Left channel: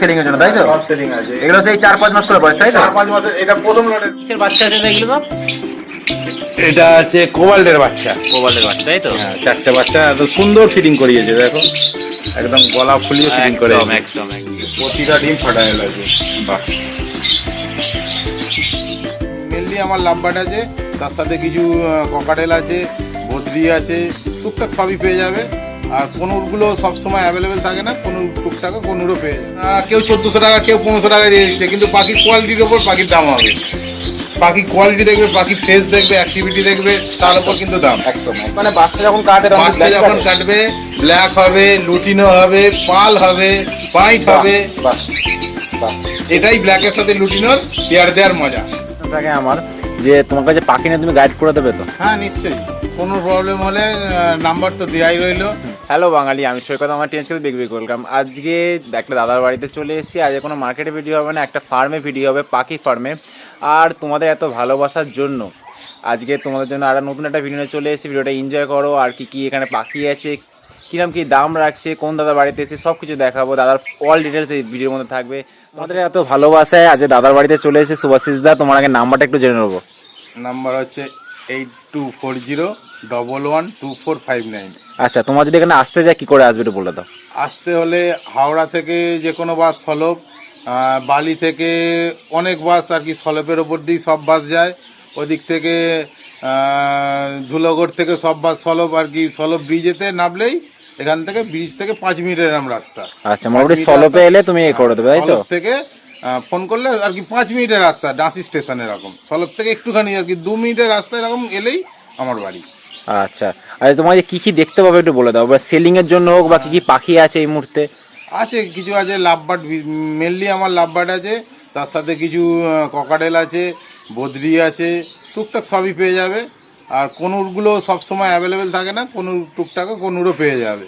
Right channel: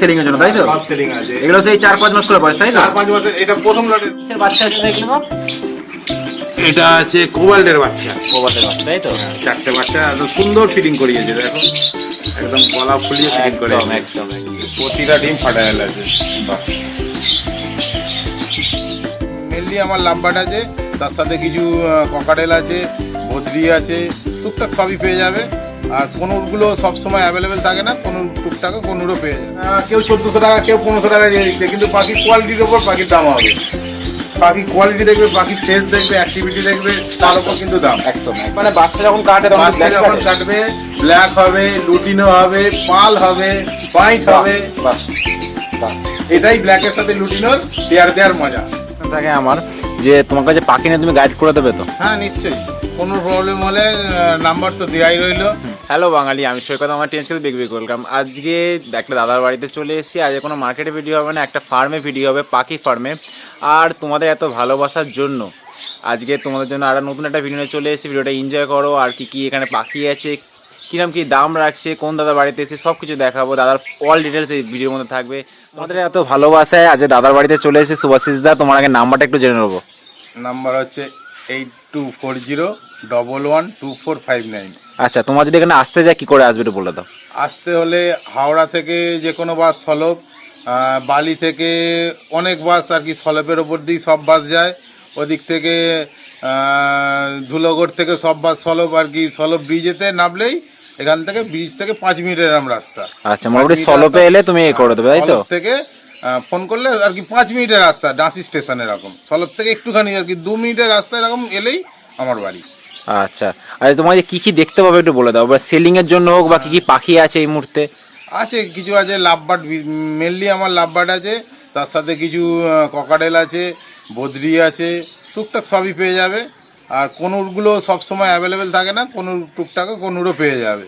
Selling এর জন্য তাই তো? সব সেলিং আছে। এগুলো সেই চার পাঁচ মাস করে বয়স তাই তো? চার পাঁচ মাসের এটা প্রথম লটের কিসের বাচ্চা আছে এগুলো এটা আছে কোবাল্টের বাচ্চা। কোবাল্টের বাচ্চা তাই তো? হ্যাঁ, চারটে বাচ্চা এত সুন্দর ফিটিং করিয়েছে দেখো। একদম গলা ফুলিয়ে ফিটিং করে একদম একদম একদম। প্রতিটা ডিম ফাটাইল আছে। বাহ। মেনলি আমার লাভবাট আছে তার সাথে কিছু ককাটেল আছে ভদ্রি আছে টুকটাক সবই পেয়ে যাবে। আর কনুরগুলো সবসময় অ্যাভেলেবেল থাকে না কোনো টুকটাক কনুরও পেয়ে আহ, কেউ চোদ্দোশো টাকা কেউ পনেরোশো টাকা দিয়ে দিচ্ছে কিন্তু পাখির কোয়ালিটির ওপর পাখির দাম হবে। পাখির কোয়ালিটি দেখবে পাখির ফেস দেখবে অ্যাক্টিভিটি দেখবে তার উপর কিন্তু দাম। একদম মানে বাচ্চা যখন কাটে বাচ্চা যখন কাটবে ব্ল্যাক হবে লুটিনো হবে পাল হবে পাইট হবে। এটাই ব্ল্যাকের সাথে লুটিনোর পেয়ার দেওয়ার মজা। থাকে আমার যে তোমার কাছে পাখি নিয়ে তুমি গাইড করে দেবে তো? হ্যাঁ নিশ্চয়ই। কোনো প্রবলেম হলে নাম্বার তো দেওয়াই রইল। হ্যালো বাঙালি, আমি সৈকত, আমার টেন্স বেগ ওয়েলকাম আজকে একটা দাদার বাড়িতে চলে এসেছি। আজ কোনো মার্কেটে ভিডিও হবে না, একটা ফার্মে ভিডিও হবে, পাখি ফার্মে আর তোমাদের এত ভালোবাসার জন্য, আজকে তোমাদের জন্য আর নতুন একটা ভিডিও চলে এসেছি। ভিডিওটা এনজয় করো, আর কি কি এখানে পাখি আছে, কিরম কি দাম রাখছে, কোন দাদার বাড়িতে এসে সব কিছু দেখাবো। দাদার অল ডিটেলস এই ভিডিওর মধ্যে থাকবে। তোমাদের এত ভালোবাসায় আজ দাদার বাড়িতে চলে এসেছি। সুভাষিস দা, তোমার আগে নাম্বারটা একটু জেনে নেব। নাম্বার হচ্ছে eight two four zero double one two four five nine আচ্ছা তোমার যদি এখানে আসতে যায় কি করে আসবে একটু বলে দাও। আসতে হলে হাওড়া থেকে যে কোনো বাস সলভ বালি থেকে অনেক বাস আর কি সলভের ওপর দিয়ে সব বাস যায়। ওদিক থেকে ধুলোগড় থেকে সব বাস সলভ আর কি সলভ ব্রিজেতে নামলেই এখান থেকে ব্রিজ থেকে পাঁচ মিনিটের এরম রাস্তা। আচ্ছা মোটামুটি সলপে এলে তুমি এ করে দেবে তাই তো? থেকে ফোন করলে আর কি পাঁচ মিনিটের রাস্তা ডাঁসি স্টেশন এরকম। সলভ থেকে একটুখানি আর কি দু মিনিটের রাস্তা এরকম এলেই আমার বাড়ি। আচ্ছা। আচ্ছা তোমার যে কি কি দেখতে পাবে একটু বলে দাও বা সেলিং এর জন্য হোক বা কি কি পাখি আছে এই মুহূর্তে? আছে কিছু আছে লাভবাট মেনলি আমার লাভবাট আছে তার সাথে কিছু ককাডেল আছে বদ্রি আছে টুকটাক সবই পেয়ে যাবে। আর কনুরগুলো সবসময় অ্যাভেলেবেল থাকে না কোনো টুকটাকও কনুরও পেয়ে যাবে।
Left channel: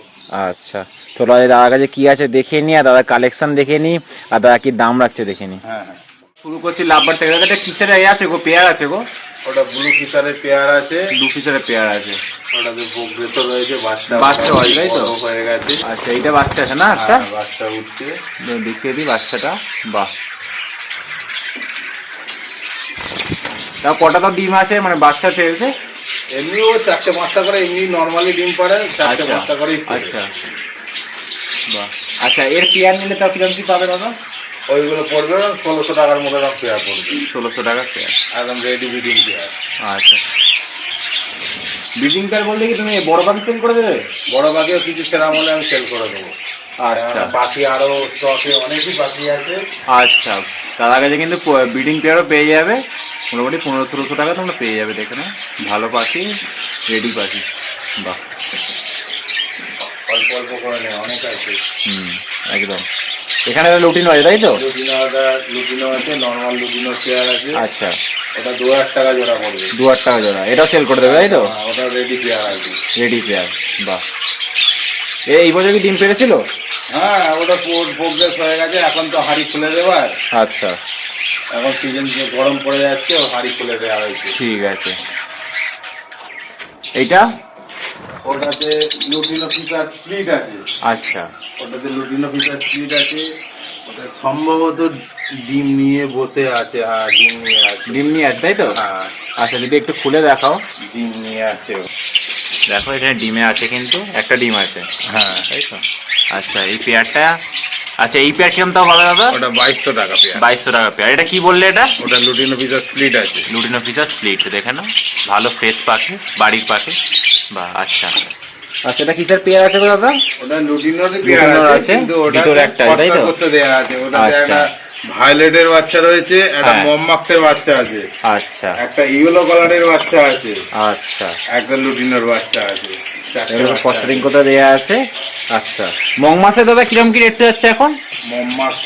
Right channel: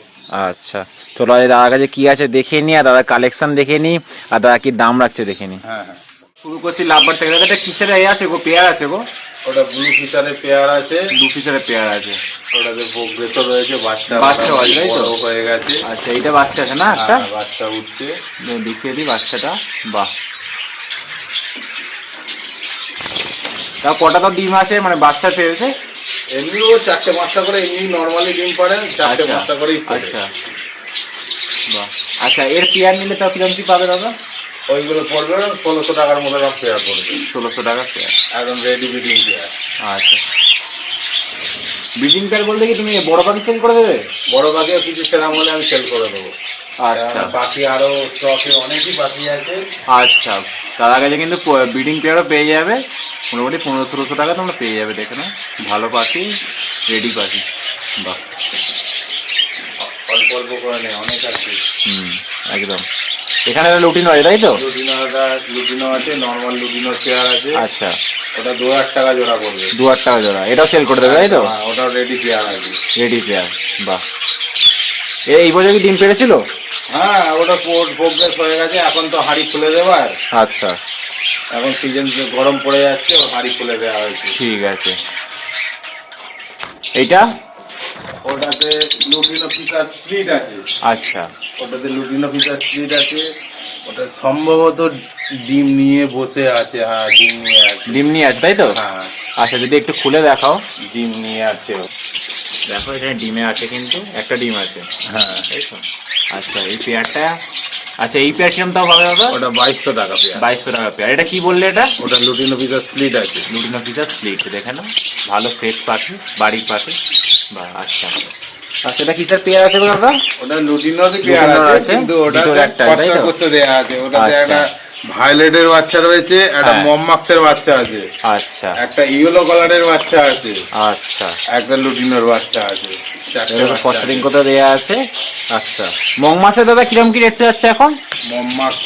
আচ্ছা চলো দাদার কাছে কি আছে দেখে নি আর দাদার কালেকশন দেখে নি আর দাদা কি দাম রাখছে দেখে নি। হ্যাঁ হ্যাঁ। শুরু করছি লাভবার থেকে। দাদা এটা কিসের এ আছে গো? পেয়ার আছে গো? ওটা ব্লু ফিচারের পেয়ার আছে। দু পিসের পেয়ার আছে। ওটাতে বকরেতো রয়েছে বাচ্চা বাচ্চা আছে, তাই তো? হয়ে গেছে। আচ্ছা এইটা বাচ্চা আছে না একটা হ্যাঁ, বাচ্চা উঠছে। দেখিয়ে দিই বাচ্চাটা। বাহ। তা কটা তো ডিম আছে মানে বাচ্চা পেয়েছে এমনিও চারটে পাঁচটা করে এমনি নর্মালি ডিম পারে চারটে আচ্ছা পাঁচটা করেই আচ্ছা। বাহ। আচ্ছা এর পেয়ার নিলে তাও কীরকম কি পাবে দাদা? ওইগুলো পড়বে ষোলোশো টাকার মতো দাম পেয়ার পড়বে। ষোলোশো টাকা পেয়ার একদম রেডি ব্রিডিং পেয়ার আচ্ছা। ব্রিডিং পেয়ার বলতে কি তুমি বড় পাখি সেল করে দেবে? বড় পাখিও কিছু সেরাম হলে আমি সেল করে দেবো। আচ্ছা। কেননা পাখি আরও স্টকে অনেকই পাখি আছে। আচ্ছা। দাদার কাছে কিন্তু ব্রিডিং পেয়ারও পেয়ে যাবে। মোটামুটি পনেরো ষোলোশো টাকা তোমরা পেয়ে যাবে দেখে না ভালো পাখি রেডি পাখি। বাহ। অল্প অল্প করে নেই অনেক আছে। হুম একদম। এখানে লুটিন আছে তাই তো? লুটিনো আছে নর্মাল লুটিনো চেয়ার আছে। আচ্ছা। ওটা দু হাজার টাকা জোড়া পড়বে। দু হাজার টাকা জোড়া। এটাও সেল করে দেবে তাই তো? ওটা রেডি পেয়ার আছে। রেডি পেয়ার বাহ। এই বছর কি ডিম পেরেছিল? হ্যাঁ ওটা প্রোগ্রেস হয়ে গেছে এখন তো হাড়ি খুলে দেওয়ার আচ্ছা। এখন সিজন গরম পড়ে যাচ্ছে হাড়ি খুলে দেওয়া হয়েছে। ঠিক আছে। এইটা? ওটাতে লুটিনো ফিচার স্প্লিট আছে। আচ্ছা। ওটাতে লুটিনো ফিচার স্প্লিট আছে। ওটা সম্ভবত ডিম নিয়ে বসে আছে হ্যাঁ ডিম নিয়ে আছে। ডিম নিয়ে আছে তাই তো? হ্যাঁ। আচ্ছা যদি একটু খুলে দেখাও। ডিম নিয়ে আছে। দেখো এখানে ডিমে আছে কিন্তু একটা ডিম আছে। হ্যাঁ। তাই তো? আচ্ছা এই পেয়ারটা আচ্ছা এই পেয়ার কিরম তাও হবে দাদা? ওটা বাইশশো টাকা পেয়ার। বাইশশো টাকা পেয়ার। এটা কি বললে এটা? ওটা লুটিনো ফিচার স্প্লিট আছে। লুটিনো পিসা স্প্লিট দেখে না ভালো ফ্রেশ পাখি বাড়ির পাখি। বা আচ্ছা। আচ্ছা এটা কিসের পেয়ার আছে দাদা ওটা লুটিনোর পেয়ার আছে কিন্তু ওটা একটা, তাই তো? করতে দেয়া আছে। ওটাতে আচ্ছা। একটা ভায়োলেটের বাচ্চা রয়েছে একটা হ্যাঁ। মমমাক্সের বাচ্চা আছে। আচ্ছা। একটা ইয়েলো কালারের বাচ্চা আছে। আচ্ছা। একটা লুটিনোর বাচ্চা আছে। চারটে ফস্টারিং আছে। কোথাও দেওয়া আছে? আচ্ছা। মং মাসে দাদা কিরম কি রেট যাচ্ছে এখন? মমমাক্স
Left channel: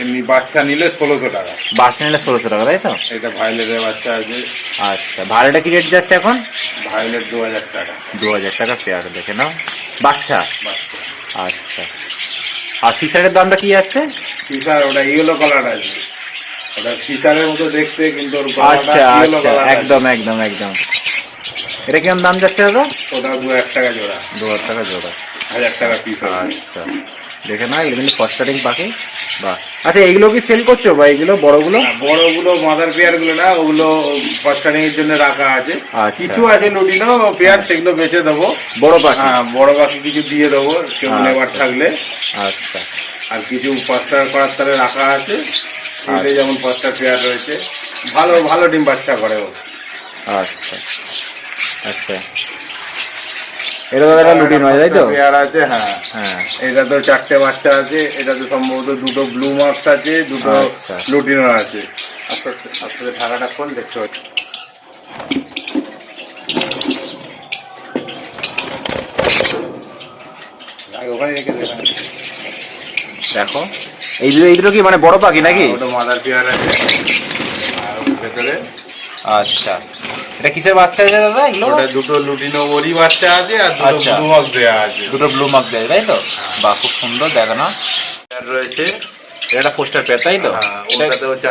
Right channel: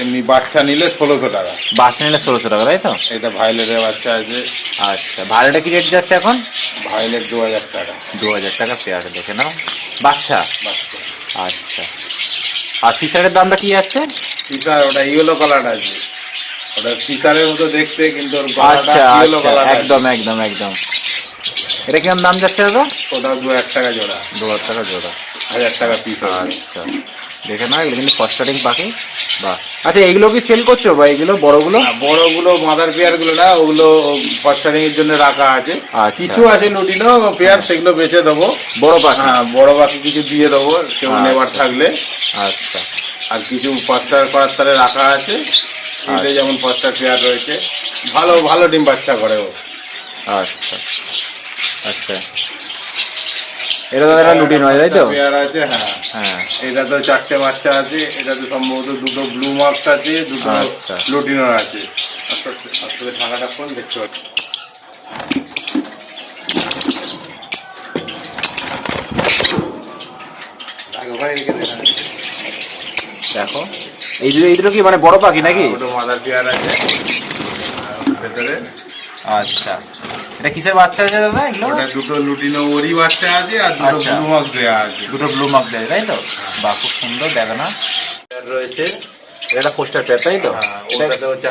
এমনি বাচ্চা নিলে ষোলোশো টাকা। বাচ্চা নিলে ষোলোশো টাকা তাই তো? এটা ভায়োলেটের বাচ্চা আছে আচ্ছা ভাড়াটা কি রেট যাচ্ছে এখন? ভায়োলেট দু হাজার টাকা। দু হাজার টাকা পেয়ার দেখে নাও। বাচ্চা? আচ্ছা। আর ফিশারের দামটা কি যাচ্ছে ফিচার ওটা ইয়েলো কালার আছে। ওটা ফিচারের মতো দেখতে কিন্তু আচ্ছা আচ্ছা একদম একদম একদম। এটা কিরম দাম যাচ্ছে দাদা? ওটা দু হাজার টাকা জোড়া। দু হাজার টাকা জোড়া। হাজার টাকা পিস আচ্ছা। দেখে না এগুলো কিন্তু ফস্টারিং পাখি বাহ। আচ্ছা এগুলো কি সেল করছ বা এগুলো বড়গুলো? বড়গুলো মাদার পেয়ারগুলো না ওগুলো ফস্টারিং এর জন্য রাখা আছে। আচ্ছা। কিছু আছে লুটিনো পেয়ার সেগুলো বেচে দেবো। বড় পাখি। হ্যাঁ বড় বাকি কিছু দিয়ে দেবো কেউ আচ্ছা। নেবার থাকলে। আচ্ছা। আর কিছু ফস্টার করার তারে রাখা আছে। এটাই যেমন ফস্টার পেয়ার রয়েছে। ভালো ভালো ডিম বাচ্চা করে ও। আচ্ছা। আচ্ছা। এটা তো একটা লুটিন হয় তাই তো? পেয়ার আছে হ্যাঁ হ্যাঁ। এটা তো চারটে বাচ্চা আছে এটা তো সম্ভবত দুটো ব্লু মার্কস আছে দুটো আচ্ছা। লুটিনো আছে। আস্তে আস্তে ঢাকাটা কোন দেখতে পাচ্ছি আর ওখানে রেখে দে, হ্যাঁ। দেখো এইগুলো এইগুলো কি মানে বড় পাখি নাকি? মাদার পেয়ার আছে। আর ভেতরে আচ্ছা। এটা কিসের বাচ্চা হয়েছে দাদা এগুলো? ওটা দুটো লুটিনো ওরি বাচ্চা আছে আর দুটো আচ্ছা। ব্লু মার্কস দেওয়া আছে। দুটো ব্লু মার্ক দেয় তাই তো? বাহ খুব সুন্দর দেখো না। রয়েছে। এটা পোস্টার পেয়ার তাই তো? হ্যাঁ, এটা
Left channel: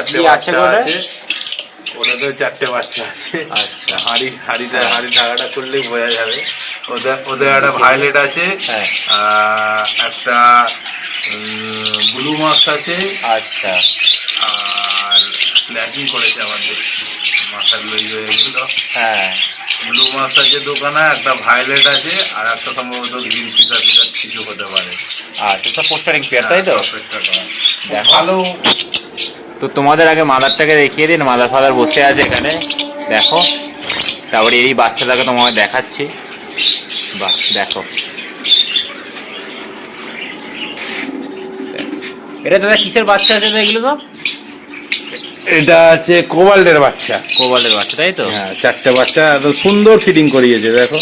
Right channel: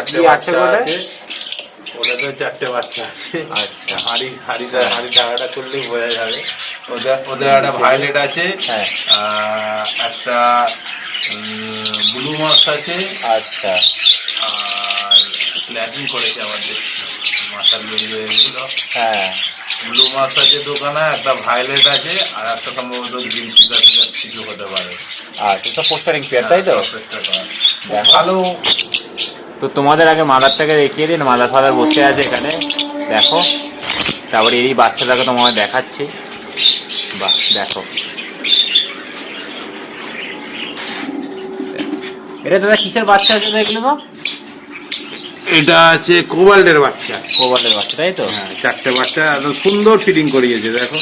কি আছে ওটাতেও চারটে বাচ্চা আছে। আচ্ছা। হাড়ি হাড়িটা হাড়ি টাকাটা করলেই বোঝা যাবে। ওদের ওদের একটা ভায়োলেট আছে। হ্যাঁ। একটা ব্লু মার্কস আছে। আচ্ছা। আর ল্যাকিং করেছে আমার দেখছি মাথার লইয়ে এগুলো হ্যাঁ ব্লু আছে দোকানে একটা ভায়োলেট আছে আর একটা সম্ভবত গ্রিন ফিচার ফিচার কিছু হতে পারে। আচ্ছা তো পোস্টারিং পেয়ার তাই তো? চেষ্টা ভালো। তো তোমাদের আগে মাদারটাকে দেখিয়ে দিন মাদার ফাদার বসে আছে এখানে। দেখো তারপরে এই বাচ্চাটাকে তোমাকে দেখাচ্ছি। বাহ দেখো। এটা দাদা কিসের বাচ্চা আছে এগুলো সব এটা আছে কোবাল্টের বাচ্চা। কোবালের বাচ্চা তাই তো? হ্যাঁ চারটে বাচ্চা একদম সুন্দর ফিটিং করিয়েছে দেখো।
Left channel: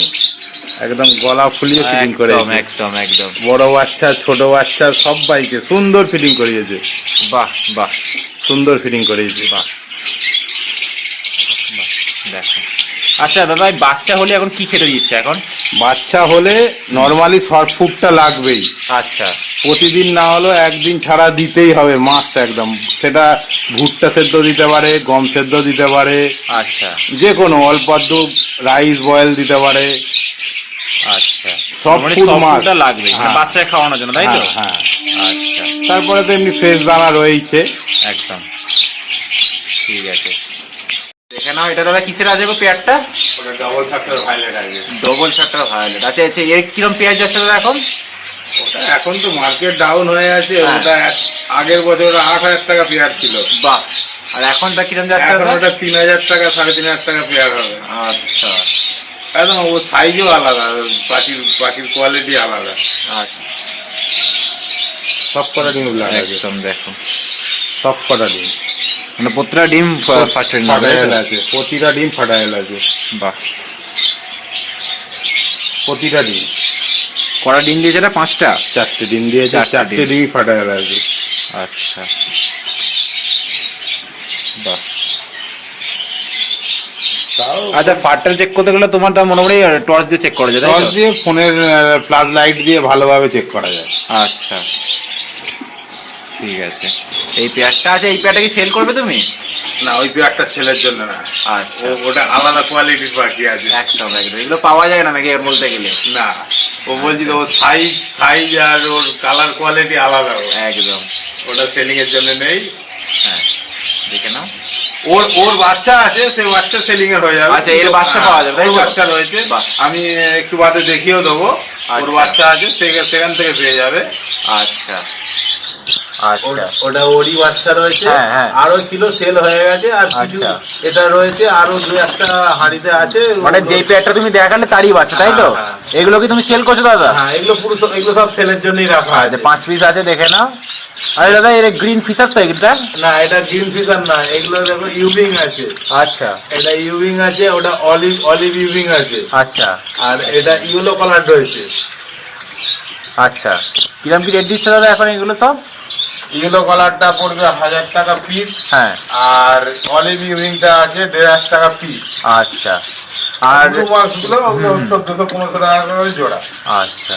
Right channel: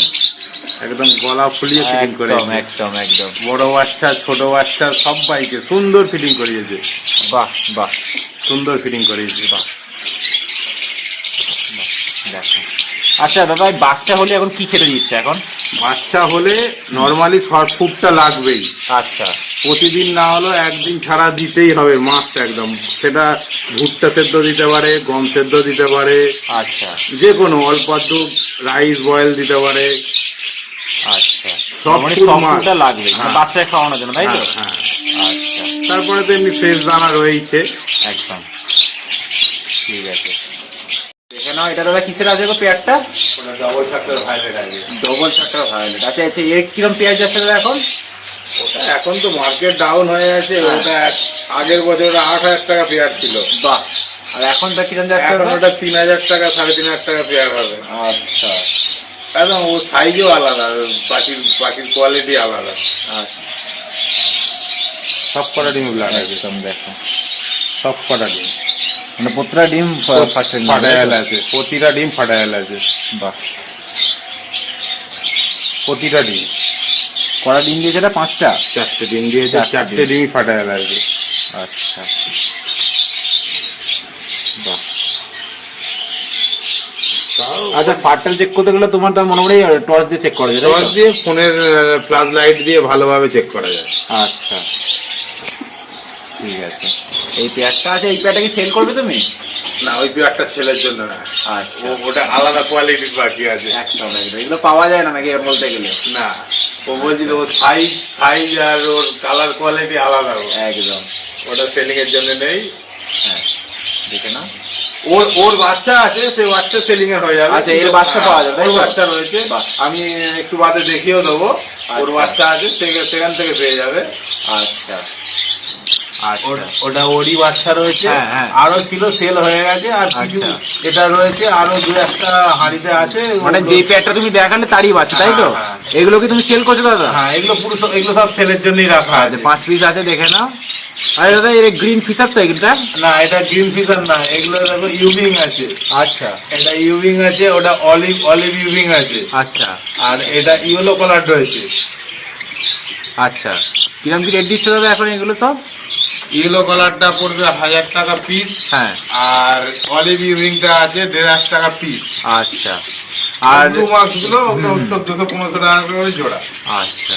একদম গলা ফুলিয়ে ফিটিং করে একদম একদম একদম। বড় বাচ্চা ছোট বাচ্চা সব বাইকে সুন্দর ফিটিং করিয়েছে। বাহ বাহ। সুন্দর ফিটিং করিয়েছে। বাহ বাহ দেখো। আচ্ছা দাদা বাচ্চা হলে এখন কি খেতে দিচ্ছে এখন? বাচ্চা হলে নর্মালি শর্ট ফুডটা লাগবেই। আচ্ছা। প্রতিদিন না হলেও একদিন ছাড়া দিতেই হবে মাছটা একদম। সেটা ভুট্টা সেদ্ধ দিতে পারে গম সেদ্ধ দিতে পারে আচ্ছা। যে কোনো অল্প রাইস বয়েল দিতে পারে। আচ্ছা। সব মানে লাগবে মানে হ্যাঁ। খাওয়ানোর জন্য তাই তো? হ্যাঁ, হ্যাঁ। আচ্ছা। তারপরে তো এমনি ফ্রেশ দানা রয়েছে একদম। ঠিক আছে। দেখে নাও এটা দাদা কিসের আছে গো পেয়ারটা? ডবল আছে। ডবল শার্টার ভায়োলেট আচ্ছা আচ্ছা এর কিরম পেঁয়াজ যাচ্ছে দাদা এখন? এখন তো মার্কেট ডাউন হয়ে আছে হ্যাঁ। ওটা এক- আগের বছর আট হাজার টাকা পেয়ার ছিল। বাহ আর এখন তা কিরম যাচ্ছে এখন ওটা? তিন হাজার টাকা সাড়ে তিন হাজার টাকা পেয়ার হবে। আচ্ছা। একদম ও সাইজও আলাদা পাখির পাখির কোয়ালিটি আলাদা। আচ্ছা। সব কটা ডিম একদম দেখো। সব কটা ডিম। মানে প্রতিটা ডিম ফাটাইল আছে প্রতিটা ডিম ফাটাইল আছে। বাহ। প্রতিটা ডিম। কড়া ডিম দিয়েছে এটা পাঁচটা? চারটে ডিম দিয়েছে চারটে চারটে ডিম। ডিমই ফাটাইল আছে আচ্ছা। বাহ। আচ্ছা ফাটটা চেক করতে গেলে তোমার তার মনে মোটামুটি টর্চ দিয়ে চেক করা যায় টর্চ দিয়ে ফোনের প্লাস লাইট দিয়ে ভালোভাবে চেক করা যায়। আচ্ছা। ঠিক আছে। এই পেয়ারটা আছে এই পেয়ারটা কি সেল করবে তুমি? না ওই পেয়ারটা সেলের জন্য না। আচ্ছা। ওটা আলাদা কোয়ালিটির পাখি আছে। একদম একদম। এগুলো পাওয়া যায় না নাকি এর বলতে গেলে? না। ও বলছি ওর সাইজ সাইজ আর ওর কালার কোয়ালিটি আলাদা একদম। ওটা সেলিং এর জন্য নেই। হ্যাঁ দেখে নাও। ওর ওর বাচ্চা আছে সেই বাচ্চা সেলিং এর হয়ে যাবে। আচ্ছা, এর বাচ্চা পাওয়া যাবে, তাই ওর বাচ্চা রয়েছে। আমি একটু বাদে দেখিয়েও দেবো। ওর আচ্ছা। বাচ্চা আছে সেখান সেখান থেকে পেয়ে যাবে। আচ্ছা। ওটা- ওটা ওরই বাচ্চা রয়েছে। হ্যাঁ, হ্যাঁ। আরও ছিল সেল হয়ে গেছে আর কিছু আচ্ছা। এটা রয়েছে আরও দু একটা হাঁড়িতে আছে। মানে যেই পেয়ারটা তুমি দেখালে তারই বাচ্চা তাই তো? হ্যাঁ, এগুলো কি তুমি সেল করছ দাদা? হ্যাঁ এগুলো পুরো এগুলো সব সেলের জন্যই রাখা আচ্ছা আছে। পাঁচ পিস আছে দেখে নাও। আরে দাদা এর গ্রিন ফিশার তো এগুলোটা না এটা গ্রিন ফিজার না এগুলো দেখো ইউবিং আছে। আচ্ছা। এটা ইউবিং আছে ওটা অলিভ অলিভ ইউবিং আছে। আচ্ছা। আর এটা ইয়েলো কালার রয়েছে। আচ্ছা। কিরম কি রেট দিচ্ছে দাদা এখন এগুলো সব? ইয়েলো কালারটা পড়বে হাজার টাকা পিস হ্যাঁ। আর অলিভ উইংটা আছে দেড় হাজার টাকা পিস আচ্ছা। আর দু মাসগুলো দুশো পনেরোশো টাকা করে জোড়া। আচ্ছা।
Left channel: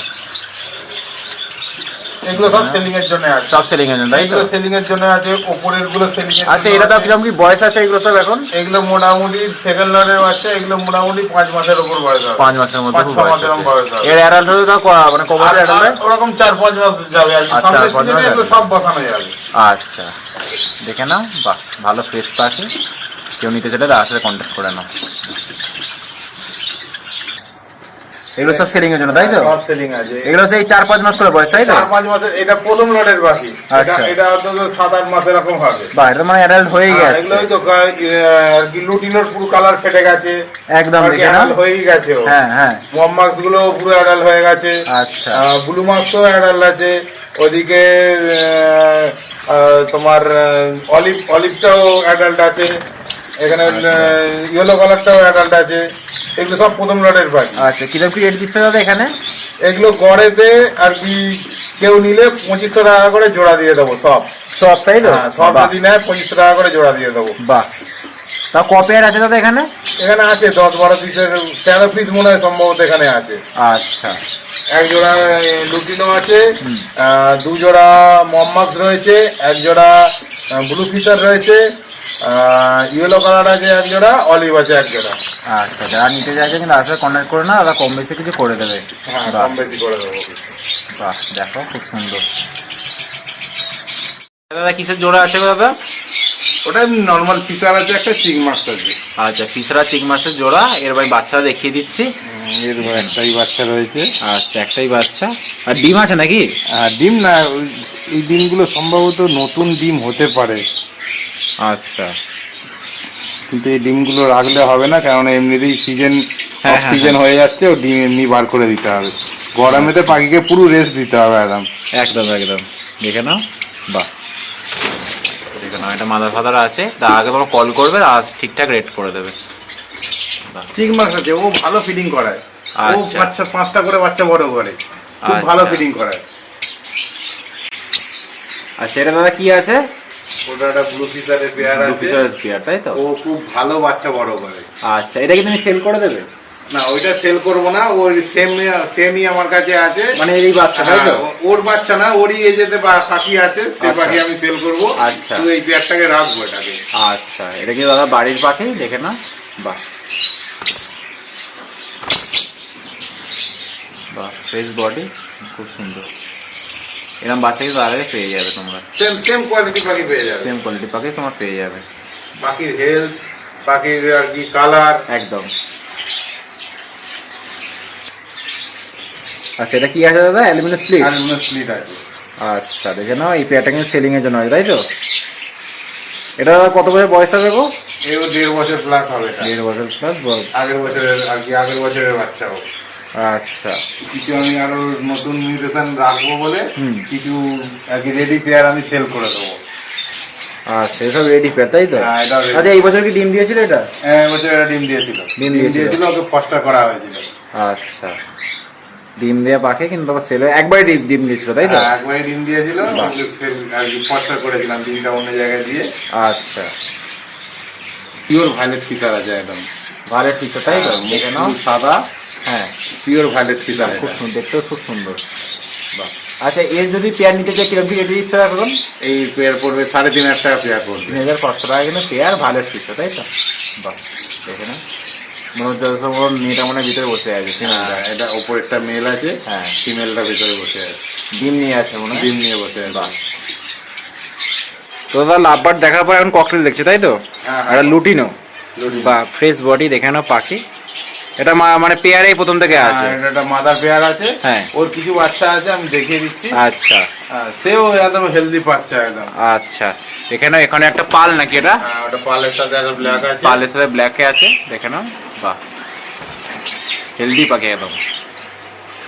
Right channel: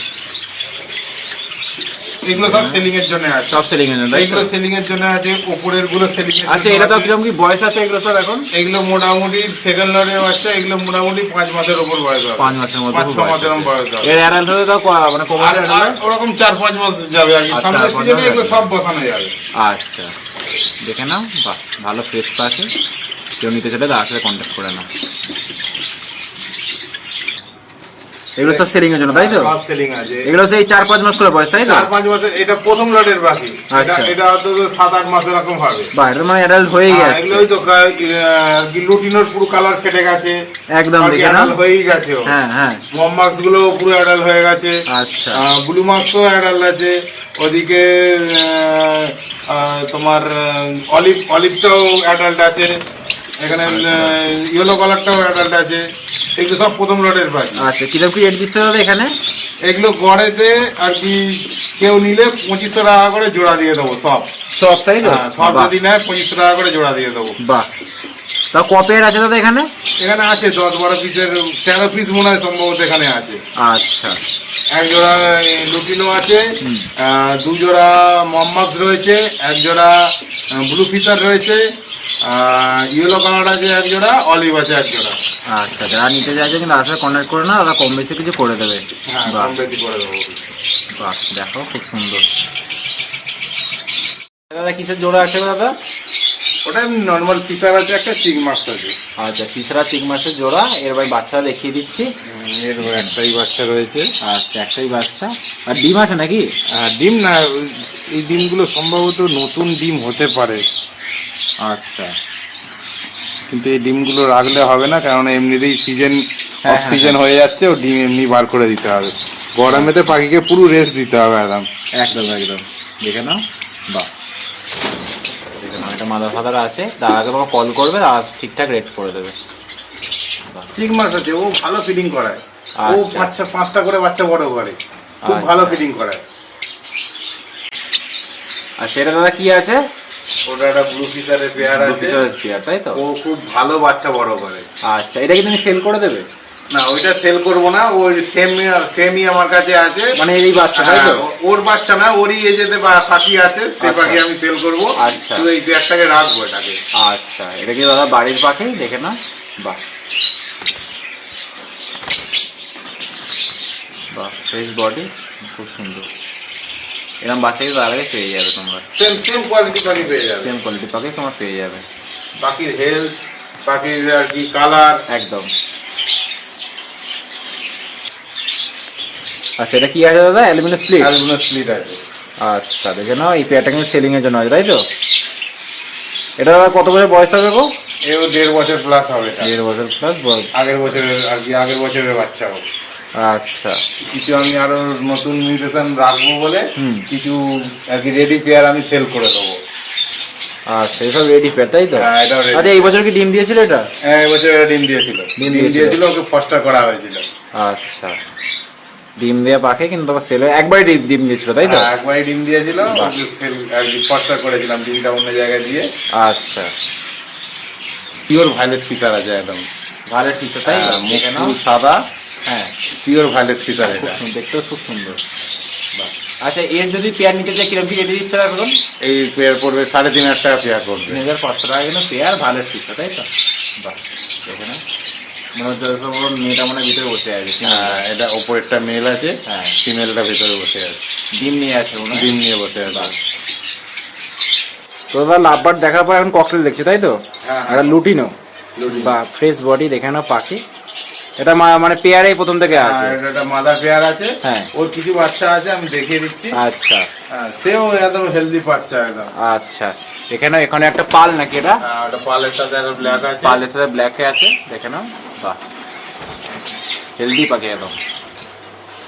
এগুলো সব সেলিং এর জন্য আছে সব সেলিং এর জন্য? এগুলো সেলিং এর জন্য আছে ওপরেরগুলো সেলিং এর আচ্ছা এটা তো আছে। কীরকম কি বয়স আছে এগুলো সব এখন? এগুলো মোটামুটি সেকেন্ড লটের বাচ্চা এগুলো মোটামুটি পাঁচ মাসের উপর বয়স হবে পাঁচ মাসের মধ্যে বয়স আছে। এর হলে তো মানে কম আর ওরকম চার পাঁচ মাস যাবে আর আচ্ছা, পাঁচ সিজনে এগুলো সব বসানো যাবে। আচ্ছা দেখে নাও বাহ ভালো ফ্রেশ পাখি কেউ নিতে চাইলে তার সাথে কন্ট্যাক্ট করে নাও। এগুলো সব সেলিং এর জন্য তাই তো? সব সেলিং আছে। এগুলো সেই চার পাঁচ মাস করে বয়স তাই তো? চার পাঁচ মাসের এটা প্রথম লটের বাকি এটা আচ্ছা। এটা অন্তত সাত আট মাস এরকম হবে। বাহ এটা মানে অ্যাডাল্ট হয়ে গেছে। এগুলোই তো লুটিনোর পুরো কালার ফেটে গেছে। একদম দেখে adult হয়েই গেছে। হ্যাঁ হ্যাঁ। মমমাক্সগুলো পুরো অ্যাডাল্ট হয়ে গেছে। আচ্ছা। ব্লু মার্কসও অ্যাডাল্ট আছে। ওদিকে তোমার অলিভ অলিভটাও অ্যাডাল্ট আছে। এখানে ইয়েলো কালারটাও অ্যাডাল্ট আছে। এগুলো সব প্রথম লটের বাড়ি। আচ্ছা কীরকম কি রেট দিচ্ছে দাদা এখানে? এগুলো গড়েতে আর কি কেউ নিলে পঁচিশশো টাকা করে জোড়া দিয়ে দেবো সব। সব তাই না হ্যাঁ, সব যদি নেয় পঁচিশশো টাকা করে জোড়া দিয়ে দেবো। বাহ। তা ক পেয়ার আছে দাদা এখানে? এখানে আছে দশ বারো পিসের তেরো পিস মনে হয় সম্ভবত এখানে আছে। আচ্ছা। এক জোড়া লুটিনো আছে দু জোড়া মম্মাক্স রয়েছে এক জোড়া ব্লু ফিচার রয়েছে ইয়েলো কালার আছে এক জোড়া অলিভ আছে এক জোড়া। আচ্ছা যারা নিতে চাইছে কিন্তু সাথে কন্ট্যাক্ট করে না দাদা কম বেশি কিছু করে দেবে। হ্যাঁ কম বেশি করে দেবো। বাহ দেখো খুব সুন্দর। দাদা কিসের জোড়া আছে দাদা? ওটা নর্মাল ফিচার আছে একটা চিক মাছ আছে। আচ্ছা ফিসরা চিক মাছের জোড়া এর ভাই বাচ্চা দেখিয়ে দিচ্ছি। এর একটাই বাচ্চা রয়েছে। আচ্ছা একটাই বাচ্চা। আর ডিম আছে নাকি? আর ডিম না এই ডিমগুলো সম্ভবত নতুন ডিম হতে পারে। আচ্ছা। কিন্তু এই ডিমগুলো রাখলে হবে না কারণ এমনিতেই সিজন অফ সিজন হয়ে। যাচ্ছে ও ডিম এমনি বার করে দিতে হবে। গরমেতে পাখিকে পুরো রেস্ট দিতে হবে একদম। একদম একদম। দেখে নাও। বাহ। নাও এটা মাদার ফাদার আছে তার আগে তোমার কল করবে আর ঠিকঠাক রেট করে দেবে। ঠিক মাছ আছে ও ভালো ফিডিং করায়। ও আচ্ছা। বাচ্চা পাঁচটা করে বাচ্চা বড় করে। খুব ভালো আচ্ছা। ফিডিং করায়। আর সেটা দাদা কি আছে? ওটা একটা ব্লু ফিচারের পেয়ার আছে। ফিশারের পেয়ার তাই তো? ও খুব ভালো বাচ্চা বড় করে। আচ্ছা এটা কি তুমি সেল করে দেবে? না ওইটা সেল করব না ওই সেম সেমই আমার কাছে আছে। মানে এই বাচ্চা তাই তো? হ্যাঁ, ওর বাচ্চা না ওরই এজেতে পাখি আছে সে আচ্ছা। পাখি আমি সেল করব। আচ্ছা। এই পেয়ারটাকে রাখব এটাকে। আচ্ছা এটা কি দাদা বাড়ির পাখি? দেখে না বাহ। বাহ ফ্রেশ বডি খুব সুন্দর। এরকম বাচ্চা কিন্তু আগে পেয়ে যাবে তোমরা। সেম সেম কোয়ালিটি পাখি পেয়ে যাবে। সেম কোয়ালিটি পাখি তোমার পেয়ে যাবে। পাখির হেলথ পাখির আর কি কালার একদম। আচ্ছা এটা কি আছে দাদা? অ্যালুমিনিয়াম আর এগুলো স্লিট আছে। আচ্ছা দেখে নাও এই পেয়ারটা কিন্তু সেলিং এর জন্য আছে তাই তো? এটা দাদা কত বছর বয়স হবে গো? এও দেড় বছর প্লাস হবে দেড় বছর প্লাস আগের বছরের আর কি আগের বছরের বাচ্চা হোক আচ্ছা। কিছু আমি আরও নতুন মিউটেশন রাখব বলে। কিছু আর কি রেডি পেয়ার আমি সেল করে দেবো। আচ্ছা এসব রেডি পেয়ার তাই তো? হ্যাঁ, আচ্ছা এই বছর কি ডিম দিয়েছিল এটা? হ্যাঁ এবছর এটা ডিম দিয়েছিল। ডিম। দিয়েছিল। ওকে ফস্টার করা হয়েছিল। আচ্ছা। ডিম দেওয়া পাখে কিন্তু আবার সেল একবারই ডিম ডিম দিয়েছিল তাই তো? হ্যাঁ, একবারই ডিম দিয়েছিল সেল আর কি ফস্টার করেছিলাম ডিমটা অন্য জায়গায় দিয়ে। আচ্ছা। পিওর ভায়োলেট ফিচার আছে একদম। ভালো ঠিক তাই তো? হ্যাঁ, মুখ সাদা। হ্যাঁ। পিওর ভায়োলেট ফিচার এটা। দেখতেও খুব সুন্দর। আচ্ছা এর যদি পেয়ার নিতে চাই কীরকম রেটে দিচ্ছে এখন এই পেয়ার পড়বে সাড়ে তিন হাজার টাকা পেয়ার তিন পড়বে হাজার পাঁচশো টাকা কিন্তু পেয়ার ভালো ফিসে তাই তো? বাহ দেখে না মনে হচ্ছে সব মেয়েটা মানে ভিতরে বসে আছে হ্যাঁ এটা ওপরেরটা মেল আছে হ্যাঁ। ফিমেলটা ভিতরে বসে আছে। ডিম নিয়ে আছে মনে ডিম নিয়ে বসে আছে। তো দাদা লাভবার দেখার পর এখন ককটেল দেখছে তাই তো? হ্যাঁ, একটা লুটিনো। লুটিনো। বা ফ্রেশ বডি দেখে নাও পাখি। এটা মা- মানে পেয়ারেই প্রথম থেকে আছে। হ্যাঁ, এটা একটা মাদার পেয়ার আছে। হ্যাঁ। ওর কিছু বাচ্চা আছে আমি দেখিয়ে দিচ্ছি। আচ্ছা। হ্যাঁ, সেও একদম হেলদি বাচ্চা একদম। আচ্ছা। এখানে এখানে একটা পাল নাকি এটা? হ্যাঁ, ওটা পালের সাথে ব্ল্যাক আছে। পালের সাথে ব্ল্যাকে আছে দেখে নাও। বাহ। হেলদি পাখি একদম।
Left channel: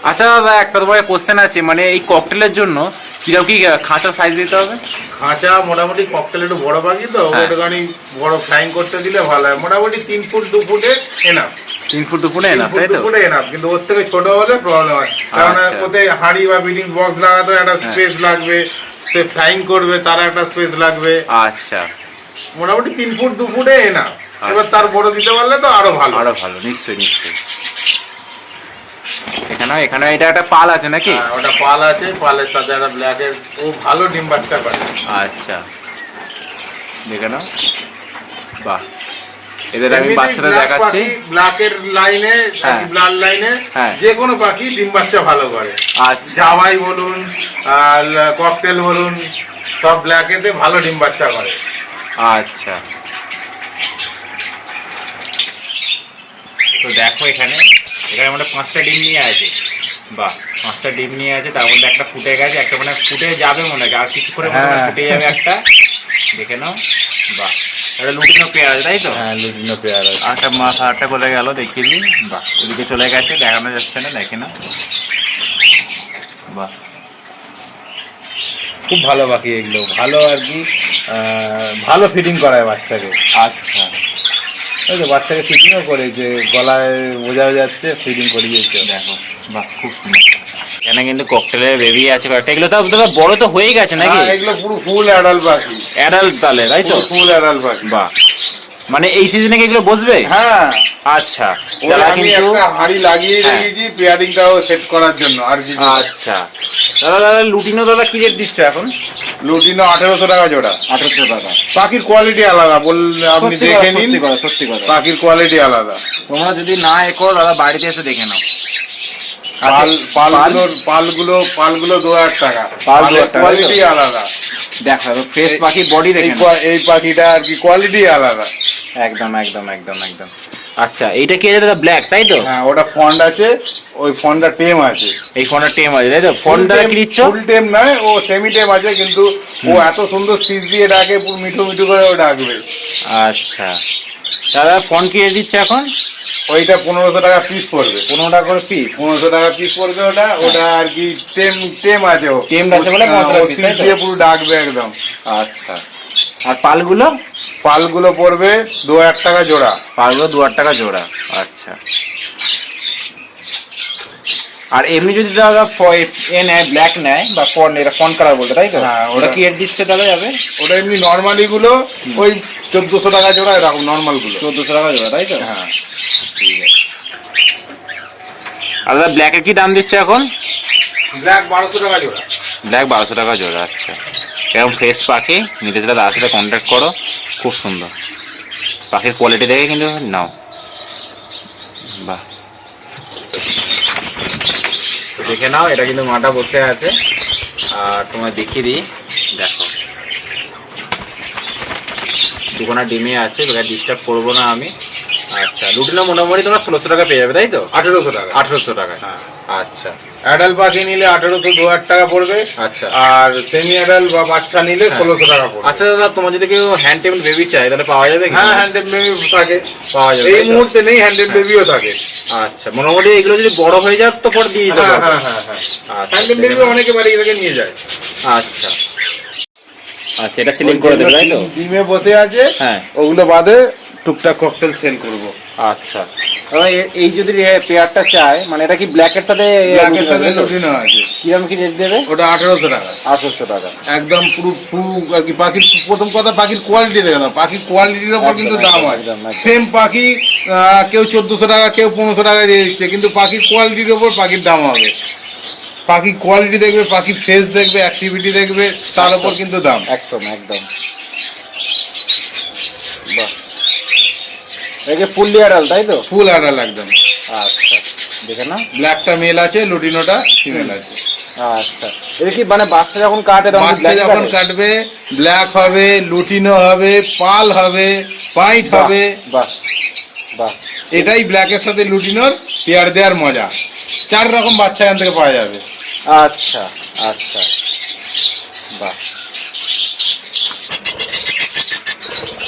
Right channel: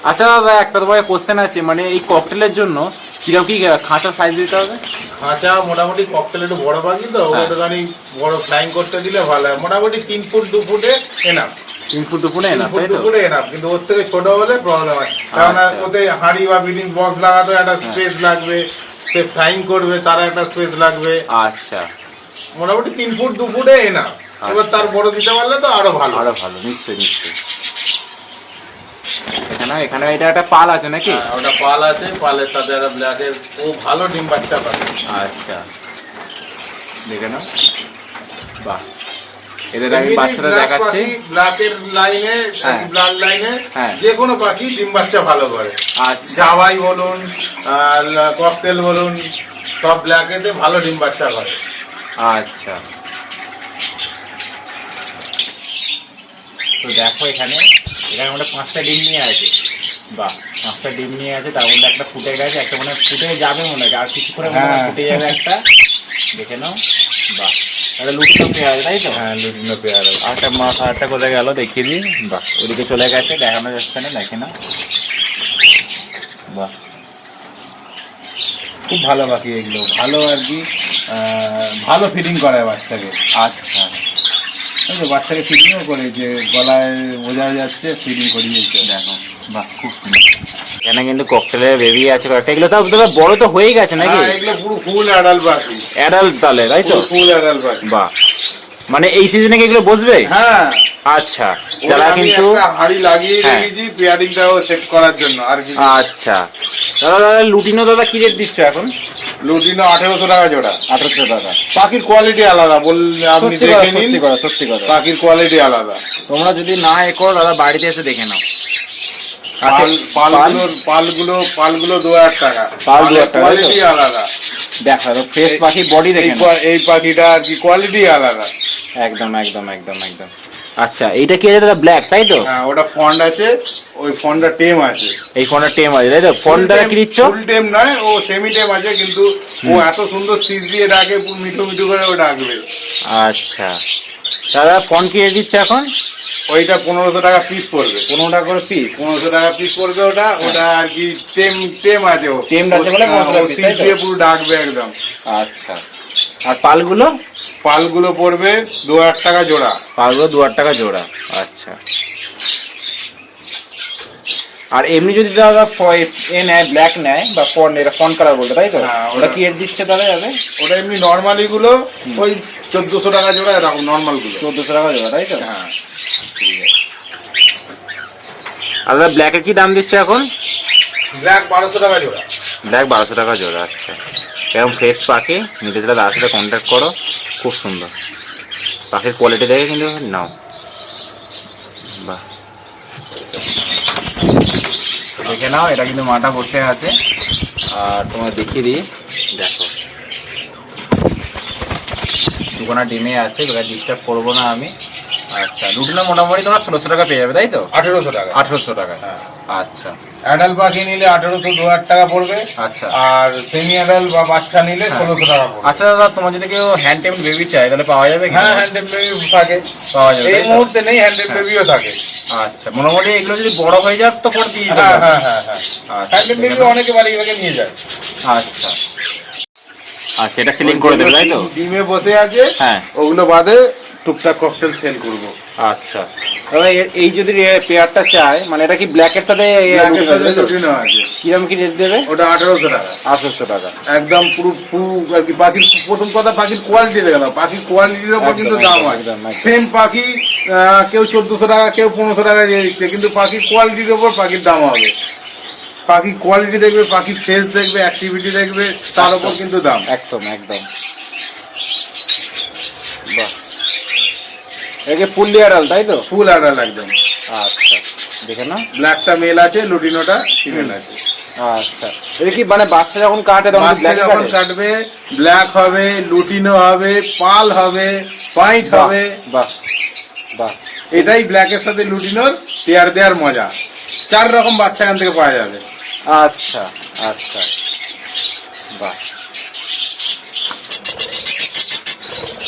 আচ্ছা দাদা একটা তোমার কোশ্চেন আছে মানে এই ককটেলের জন্য কীরকম কি খাঁচা সাইজ দিতে হবে? খাঁচা মোটামুটি ককটেল একটু বড় পাখি তো হ্যাঁ। ওটাখানি বড় ফ্লাইং করতে দিলে ভালো হয়। মোটামুটি তিন ফুট দু ফুটে এনাফ তিন ফুট না ফুট তাই তো? ফুটে এনাফ কিন্তু ওর থেকে ছোট হলে প্রবলেম হয়। কারণ আচ্ছা। ওতে হাড়ি বা বিল্ডিং বক্স লাগাতে একটা হ্যাঁ। স্পেস লাগবে। সে ফ্লাইং করবে তার একটা স্পেস লাগবে। আচ্ছা। মোটামুটি তিন ফুট দু ফুটে না। এবার তার বড় দিতে পারলে তো আরও ভালো। আরও ভালো নিশ্চয়ই নিশ্চয়ই। এখানে এখানে এটা একটা পাল আছে নাকি? হ্যাঁ, ওটা পাল আছে পালের সাথে একটা ব্ল্যাকের ও ভালো ডিম বাচ্চা পারে। আচ্ছা। দেখে নাও। বাহ। এদের আমি বাচ্চাটা দেখাচ্ছি। ব্ল্যাকের লাইনে। ব্লাড লাইনে। যে কোনো পাখি ডিম বাচ্চা ভালো করে। আচ্ছা। জাবাই বলুন ককটেল বলুন সব ব্ল্যাকেতে ভালো ডিম বাচ্চা করে। আচ্ছা। তো দেখো এখানে এখানে আমরা পাঁচটা ডিম নিয়ে আছে। বাহ পাঁচটা ডিম নিয়ে আছে তার মধ্যে একটা ফুটে গেছে একটা মনে ফুটে যাবে মনে হয় আর কিছু করে হ্যাঁ। ফুটে যাবে একটা। দেখে নাও বাহ। তাই তো? হ্যাঁ আটটা আটটা গেল দেখিয়ে দিই বাহ ওদিকে চলে গেছে, দেখানো যাচ্ছে না, দেখে না। বাহ। খুব ভালো পাখি এগুলো, ভালো আর কি ভালো ফিটিং করায় বাচ্চাকে। আচ্ছা। তো বাচ্চাকে ফিটিংও করে যে গলায় বোঝা যাচ্ছে ফিটিং করিয়েছে। দেখো, বাহ, খুব সুন্দর। এখানে কিন্তু ককটেলের বেবি আছে কয়েকটা এগুলো তো দাদা বড় তো হয়ে গেছে নাকি? হ্যাঁ, এগুলো পুরো ফুল অ্যাডাল পাখি অ্যাডাল্ট তাহলে তাই তো? ফুল অ্যাডাল পাখি বাহ। মানে এই সিজনে কি এগুলো বসবে? হ্যাঁ। আচ্ছা যারা কিন্তু হাঁড়ি লাগিয়ে হ্যাঁ। রেখেছি পেয়ারিংটাও সেট করার জন্য আর কি। আচ্ছা। দাদা দাদা লুটিনো দাদা কি রেট দিচ্ছ এখন? লুটিনো আঠেরোশো টাকা জোড়া। আঠারোশো টাকা। পাখির কোয়ালিটি আলাদা বল আপনি সত্যি কথা দেখে নিন। সত্যি কথা সত্যি কথা। পাখির কোয়ালিটি আলাদা। তোমরা যদি না এ করো দাদা বাড়িতে এসে দেখে নাও। পাল পালগুলোর পালগুলো পালগুলো দু হাজার টাকা। পাল দু হাজার টাকা, কোয়ালিটি আলাদা। দেখো ফ্রেশ পাখি বডি এই পাখিটা আর কি কোয়ালিটি আলাদা। একদম একদম একদম একদম। আচ্ছা কি দাদা ব্ল্যাক তাই তো? হ্যাঁ ওটা ফন্ড আছে ওই ফন্ডটা টেম আছে। এই টেম আছে তাই তো? ফোন দ্বারা কি দিচ্ছ? ফুল টেম নয় ও সেমি টেম আছে কিন্তু ও এত সুন্দর সিজ দিয়ে ডাকে মিঠু মিঠু করে ও ডাকবে। আচ্ছা। দাদা ফোন কি রেট দিচ্ছে এখন? ওইটা পনেরোশো টাকা পিস পড়বে। পনেরো টাকা করে পিস পনেরোশো টাকা পিস পড়বে ওটা ওটা আর কি টেম টেম আছে ও। টেম আছে বলে 1500 টাকা ও piece, সিজ তাই তো? দিয়ে পুরো ডাকবে একদম। আচ্ছা। আর পালগুলো? পালগুলো পড়বে দু হাজার টাকা জোড়া। পালগুলো দু হাজার টাকা জোড়া আচ্ছা। আর এমনি যদি দাদা এ নেয় ব্ল্যাক নেয় বা ফন এটা ফন কালার বলতে তাই তো? হ্যাঁ, ওটা কি রেট দিচ্ছে তাহলে যাবে? ওটা এমনি নর্মালি গুলো ওই চোদ্দশো টাকা জোড়া এরকম নর্মালগুলো। চোদ্দোশো টাকা জোড়া তাই তো? হ্যাঁ। আর দাদা ব্ল্যাকের কি দাম দিচ্ছে এখন? ব্ল্যাক বারোশো টাকা জোড়া। ব্ল্যাক বারোশো টাকা জোড়া আচ্ছা। এরকম ফ্রেশ পাখি নিতে চাইলে তার সাথে কন্ট্যাক্ট করো খুব সুন্দর। পাখির কোয়ালিটি দেখে কিন্তু নাও। বাহ। দেখে নাও এটা কিন্তু মাটা বসে আছে। আর তোমার দেখিয়ে দিই দেখো। দুখানা ডিমে আছে তোকে ডিস্টার্ব করব না আমি। আচ্ছা রুটিনে মোটামুটি তোমার ষোলোশো টাকা পেয়ে যাবে তাই তো? আঠেরোশো টাকা। আঠেরোশো টাকা হ্যাঁ। আচ্ছা। অ্যাডাল্ট পাখি নিলে আঠেরোশো দু হাজার টাকা পড়বে। আচ্ছা। আর সেমি অ্যাডাল্ট বা বাচ্চা নিলে হ্যাঁ। ষোলোশো টাকা পড়বে। আচ্ছা দাদা তোমার যদি কেউ হ্যান্ড টেবিল বেবি চাই তাহলে পাওয়া যাবে কি? হ্যাঁ হ্যান্ডেড বেবি থাকে। পাওয়া যাবে এই মুহূর্তে নেই হ্যান্ডেড বেবিও থাকে। আচ্ছা মোটামুটি এগুলো যদি বড় হয়ে যায় তো পরে দিয়ে দেবো হ্যাঁ হ্যাঁ হ্যাঁ হ্যাঁ। আচ্ছা, হ্যান্ডেড বেবি অনেকে বাড়ি থেকে নিয়ে যায়। আচ্ছা। আচ্ছা এটা সিলিং করে দেবে তাই তো? ডিমে বসে আছে হ্যাঁ। ওগুলো বাদে টুকটাক ককটেল সেল করব। আচ্ছা। এই যদি পেয়ারটা চায় মানে এটা কি ব্ল্যাকের সাথে সাথে লুটিনো আছে। কিরম কি রেট দেবে? ওটা আঠেরোশো টাকা। আঠারোশো টাকা। একদম পুরো ফু আর কি পাখির প্রথম কথা পাখির কোয়ালিটি দেখে না পাখির কোয়ালিটির উপর একদম, কিন্তু দাম আছে। সেম পাখি কেউ চোদ্দশো টাকা কেউ পনেরোশো টাকা দিয়ে দিচ্ছে কিন্তু পাখির কোয়ালিটির উপর পাখির দাম হবে। পাখির কোয়ালিটি দেখবে পাখির ফেস দেখবে অ্যাক্টিভিটি দেখবে তার উপর কিন্তু দাম। একদম একদম। একে ফুললি আড়াল তাই তো? ফুল অ্যাডাল একদম। আচ্ছা দেখে না ব্ল্যাকটা মেল আছে লুটিনোটা ফিমেল আছে। আচ্ছা এটা কি মানে বাচ্চা যখন কাটে তখন ব্ল্যাক যখন কাটবে ব্ল্যাক হবে লুটিনো হবে পাল হবে পাইট হবে। বাহ বাহ। এটাই ব্ল্যাকের সাথে লুটিনোর পেয়ার দেওয়ার মজা। চার রকম বাচ্চা এখান থেকে পাওয়া যাবে। আচ্ছা আচ্ছা। বাহ।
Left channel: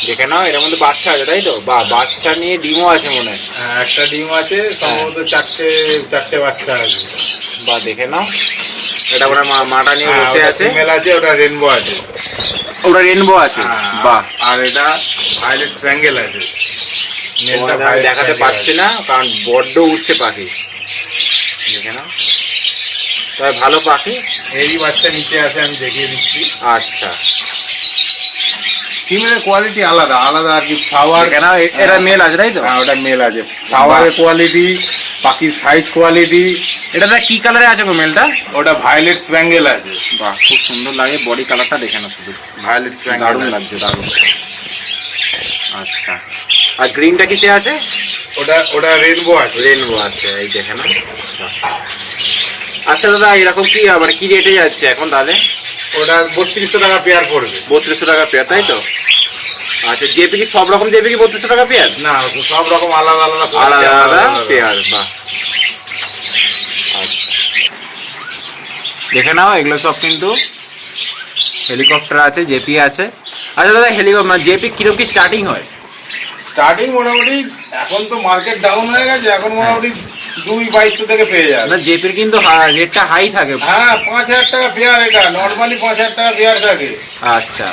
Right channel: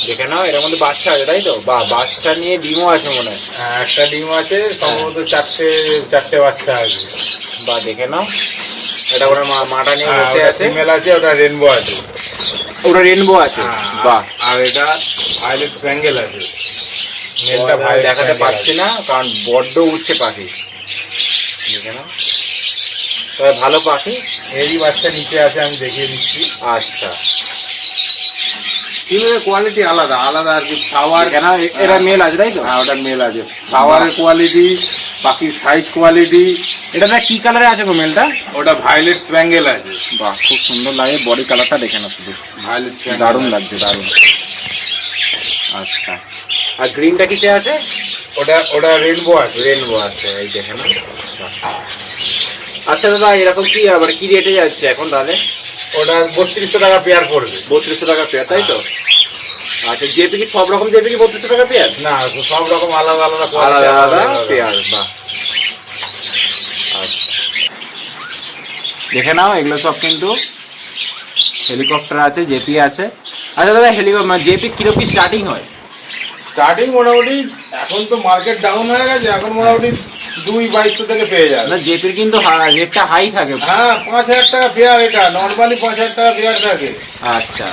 দেখে নাও এর মধ্যে বাচ্চা আছে তাই তো? বা বাচ্চা নিয়ে ডিমও আছে মনে হয়। হ্যাঁ, একটা ডিম আছে সম্ভবত চারটে চারটে বাচ্চা আছে। বা দেখে নাও। এটা ওরা মা- মাটা নিয়ে বসে আছে। ফিমেল আছে ওটা রেনবো আছে। ওটা রেনবো আছে? বাহ। আর এটা ভায়োলেট স্প্যাঙ্গেল আছে। দেখাতে পারছি না কারণ বড্ড উঠছে পাখি। দেখে নাও। তবে ভালো পাখি। এরই বাচ্চা নিচে আছে আমি দেখিয়ে দিচ্ছি। আচ্ছা। ফিমেলের কোয়ালিটি আলাদা আলাদা আর কি খাওয়ার দেখে নাও এরা মেল আছে তাই তো? হ্যাঁ, ওটা মেল আছে। খাওয়ারের কোয়ালিটি পাখির সাইজ কোয়ালিটি এটা দাদা কি কালারে আছে গো মেলটা ওটা ভায়োলেট স্প্যাঙ্গেল আছে। বাহ খুব সুন্দর লাগে বডি কালারটা দেখে না শুধু। ভায়োলেট দারুণ স্প্যাঙ্গেল লাগছে দারুণ। আচ্ছা। আর গ্রিনটা কিসে আছে? ওটা ওটা রেনবো আছে। রেনবো আছে এই দেখে না আচ্ছা দাদা এরকম কি মানে কি রেটে যাচ্ছে এখন তাহলে? ওটা বত্রিশশো টাকা পেয়ার পড়বে। বত্রিশশো টাকা পেয়ার তাই তো? আচ্ছা জেপি কি সব রকম জেপি কি বত্রিশশো টাকা পেয়ার না সব রকম আলাদা আলাদা আলাদা আলাদা পেয়ার বা আচ্ছা। দেখে নাও এগুলো সব কিন্তু হেলিকপ্টার আছে জেপি আছে। আচ্ছা দাদা হেলিকপ্টার মানে জেপি কীরকম কি স্টার্টিং হয়? স্টার্টিং মোটামুটি এখন তো মার্কেট ডাউন হয়ে গেছে এখন মোটামুটি দুই বাইশশো থেকে পেয়ে যাবে। না জেপির কিন্তু রেটটা হাই থাকে। হ্যাঁ পাঁচ হাজার টাকা পেয়ার এটা নর্মালি পাঁচ হাজার টাকা পেয়ার থাকে। আচ্ছা।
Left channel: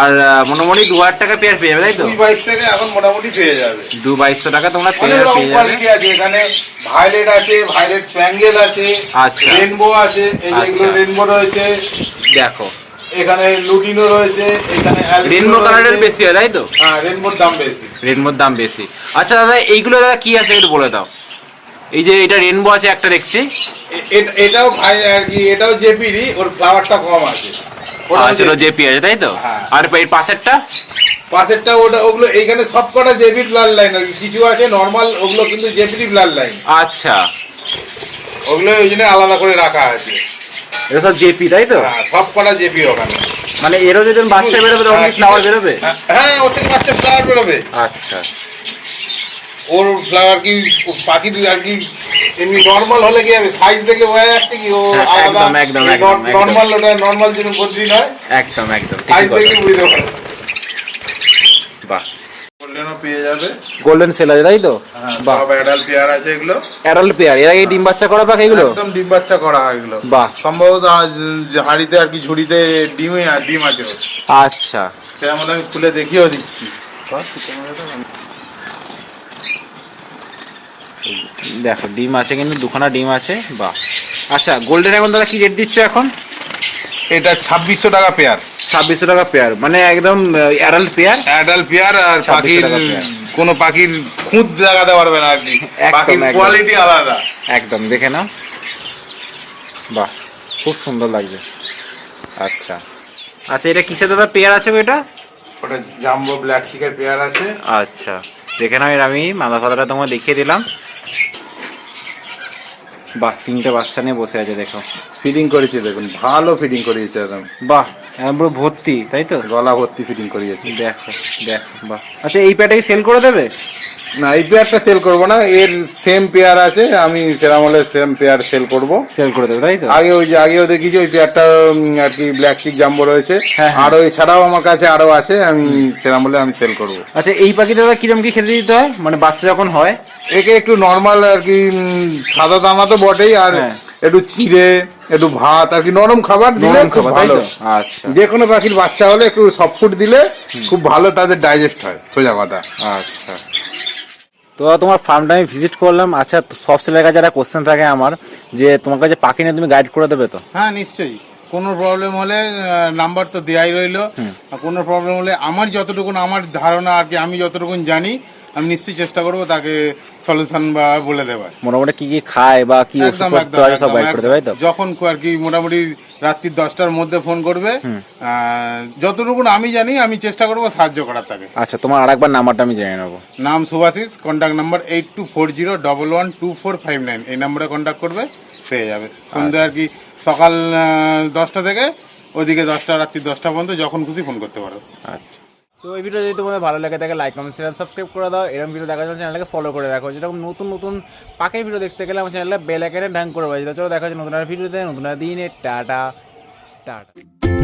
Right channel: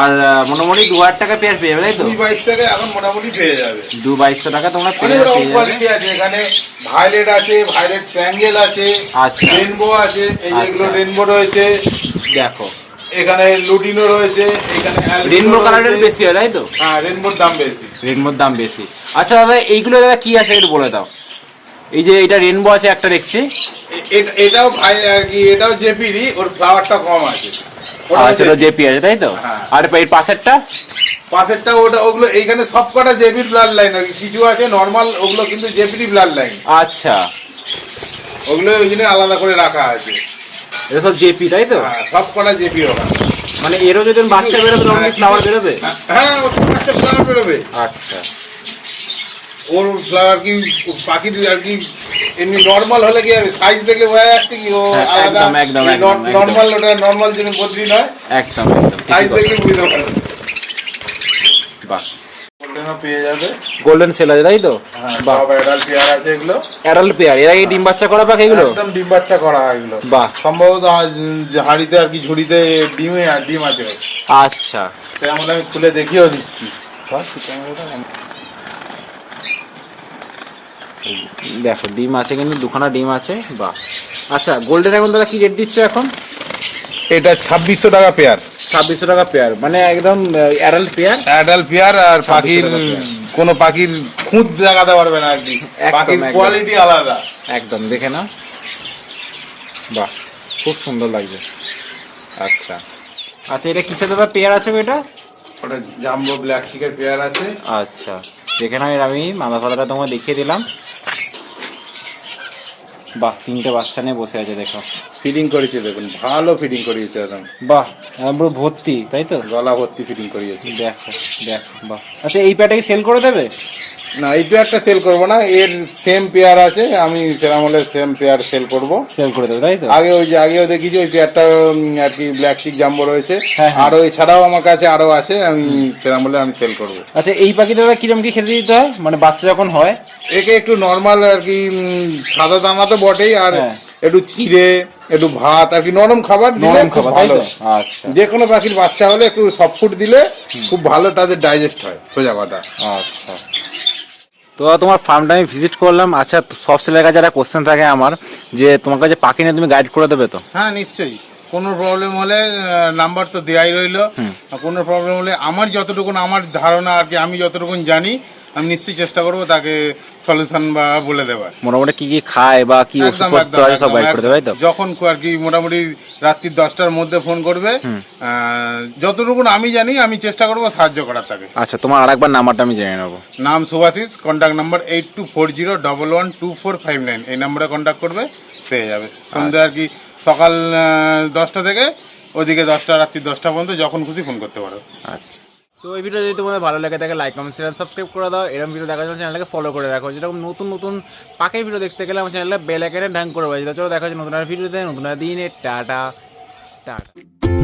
আর মোটামুটি দু হাজার টাকা পেয়ার পেয়ে যাবে তাই তো? দুই বাইশ থেকে এখন মোটামুটি পেয়ে যাবে। দু বাইশশো টাকা তোমরা পেয়ার পেয়ে যাবে। আছে এখানে। ভায়োলেট আছে ভায়োলেট স্প্যাঙ্গেল আছে আচ্ছা। রেনবো আছে এই যে এগুলো আচ্ছা। রেনবো রয়েছে। দেখো। এখানে লুটিনো রয়েছে এখানে রেনবো কালারের বেশি হয় তাই তো? হ্যাঁ রেনবোর দাম বেশি। রেনবোর দাম বেশি আচ্ছা দাদা, এইগুলো দাদা কি আছে একটু বলে দাও এই যে এটা রেনবো আছে একটা দেখছি এটাও ভাই আর কি এটাও জেপিরই ওর ফ্লাওয়ারটা কম আছে আচ্ছা জেপি। আছে তাই তো। আর পাশেরটা পাশেরটা ওটা ওগুলো এইখানে সব কটা জেপির ব্লাড লাইন কিছু আছে নর্মাল ওগুলো কিন্তু লাইন আচ্ছা ওগুলো ওই জন্য আলাদা করে রাখা আছে জেপি তাই তো সব কটা জেপি ওখানে মানে এরও যদি বাচ্চা বেরোবে তখন কি ফ্লাওয়ার বেরোবে? হ্যাঁ ওর থেকে বাচ্চা ফ্লাওয়ার বেরোবে। আচ্ছা। ওর ফ্লাওয়ার কি পাখি পাখির আর কি এমনি নর্মাল হলে কি হবে? সাইজ দেখে বোঝা যাচ্ছে কি ও হ্যাঁ, একদম, একদম, একদম। নর্মাল ওটা নর্মাল যেন বদলি নয়। একদম একদম সাইজ দেখে বুঝতে পারে বাহ। গোল্ডেনও পেয়ে যাবে। গোল্ডেন সেল আছে তাই তো? হ্যাঁ বাহ। সব অ্যাডাল্ট পেয়ার আছে এগুলো। অ্যাডাল্ট পেয়ার এর আগে ডিম বাচ্চা করা পাখি এগুলো? একদম ডিম বাচ্চা করা হয় এগুলো। বাহ। সম্ভবত হাঁড়িতে আর কি ঝুড়িতে ডিমে আর ডিম আছে আচ্ছা। সেটা আমি খুলে দেখিয়েও দিচ্ছি। দেখো ডিম আছে কিন্তু দুখানা ডিম আছে বাহ। আচ্ছা গোল্ডেন এখন দাদা কি রেট দিচ্ছ এখন? এটা ছাব্বিশশো টাকা পেয়ার ছাব্বিশশো টাকা পেয়ার। মানে একদম অ্যাডাল্ট পেয়ার। অ্যাডাল্ট পেয়ার আর পাখির। কোনো পাখির খুঁত লাগাতে পারবে না আর কি। একদম, পাখির কোয়ালিটি আলাদা। একদম দেখে নাও। বাহ খুব সুন্দর লাগছে। আচ্ছা। আচ্ছা এটা কিসের দাদা পেয়ার আছে এটা ওটা জাম্বো ব্ল্যাক চিকের পেয়ার আছে। আচ্ছা দেখে নাও এর আমি মাদা ফাদাটা তোমাকে দেখিয়ে দিলাম। বাহ তিনটে বাচ্চা নিয়ে বসে আছে দেখো। ফিডিং করেছে দেখুন ভালো ফিডিং করিয়েছে একদম। বাহ একদম পুরো ভর্তি তাই তো? গলা ভর্তি ফিডিং করিয়েছে। দেখো দেখো বাহ। আচ্ছা এই প্যাটাকে সেল করে দেবে? না এই পেয়ারটা সেল করব না এর সেম পেয়ার আছে আমি সেরাম হলে সেম পেয়ার সেল করব। সেল করে দেবে তাই তো? আগে ওই যে আগেও দেখিছি ওই পেয়ারটা আর কি ব্ল্যাক চিক জাম্বো রয়েছে। হ্যাঁ, হ্যাঁ। আর এছাড়াও আমার কাছে আরও আছে আমি সেরাম হলে আমি সেল করব। আচ্ছা এই পাখিটা কিরম কি খেতে দিতে হয়? মানে বাচ্চা যখন হয়? একে একটু নর্মাল আর কি সাদা দানা তো বটেই আর হ্যাঁ। একটু চিড়ে একটু ভাত আর কি নরম খাবার নরম খাবার তাই তো? আচ্ছা। যে কোনো পাখির বাচ্চা হলে একটু সফট ফুড দিলে খুব ভালো তাদের ডাইজেস্ট হয় সোজা কথা আচ্ছা। তো তোমার ফার্মটা আমি ভিজিট করলাম। আচ্ছা সব ছেলের কাছে একটা কোশ্চেন থাকে আমার যে তোমার কাছে পাখি নিয়ে তুমি গাইড করে দেবে তো? হ্যাঁ নিশ্চয়ই। কোনো প্রবলেম হলে নাম্বার তো দেওয়াই রইল। কোনো প্রবলেম হলে আমার যতটুকু আমার ধারণা আর কি আমি যতটুকু জানি আমি নিশ্চয়ই চেষ্টা করব তাকে সলিউশন বা বলে দেওয়ার মোটামুটি কি কি খায় বা কি একদম একদম সব একদম, করে দেবে তাই তো? একদম। যখন আর কি মোটামুটি রাত্রি দশটার মধ্যে ফোন করবে যতটুকুন আমি জানি আমি চেষ্টা করব সাহায্য করার তাকে। আচ্ছা তোমার আরেকবার নাম্বারটা আমি জেনে নেব। নাম Subhashis contact number eight two four zero double one two four five nine এই নাম্বারে কন্ট্যাক্ট করবে পেয়ে যাবে। সন্ধ্যে আর কি সকাল দশটা থেকে ওদিকে দশটা রাত্রি দশটা পর্যন্ত যখন খুশি ফোন করতে পারো। আচ্ছা। তো এই ভিডিও যদি তোমাদের ভালো লাগে থাকে লাইক কমেন্ট শেয়ার সাবস্ক্রাইব করে দাও। এরকম ভিডিও দেখার জন্য চ্যানেলটাকে ফলো করে রাখো। যেরকম নতুন নতুন পাখির ভিডিও দেখতে গেলে আমার চ্যানেলটা বেল আইকনে ঢ্যাং করে বাজি চলো দেখা হচ্ছে নতুন ভিডিও ভিডিওতে নতুন দিনে। টাটা। টাটা।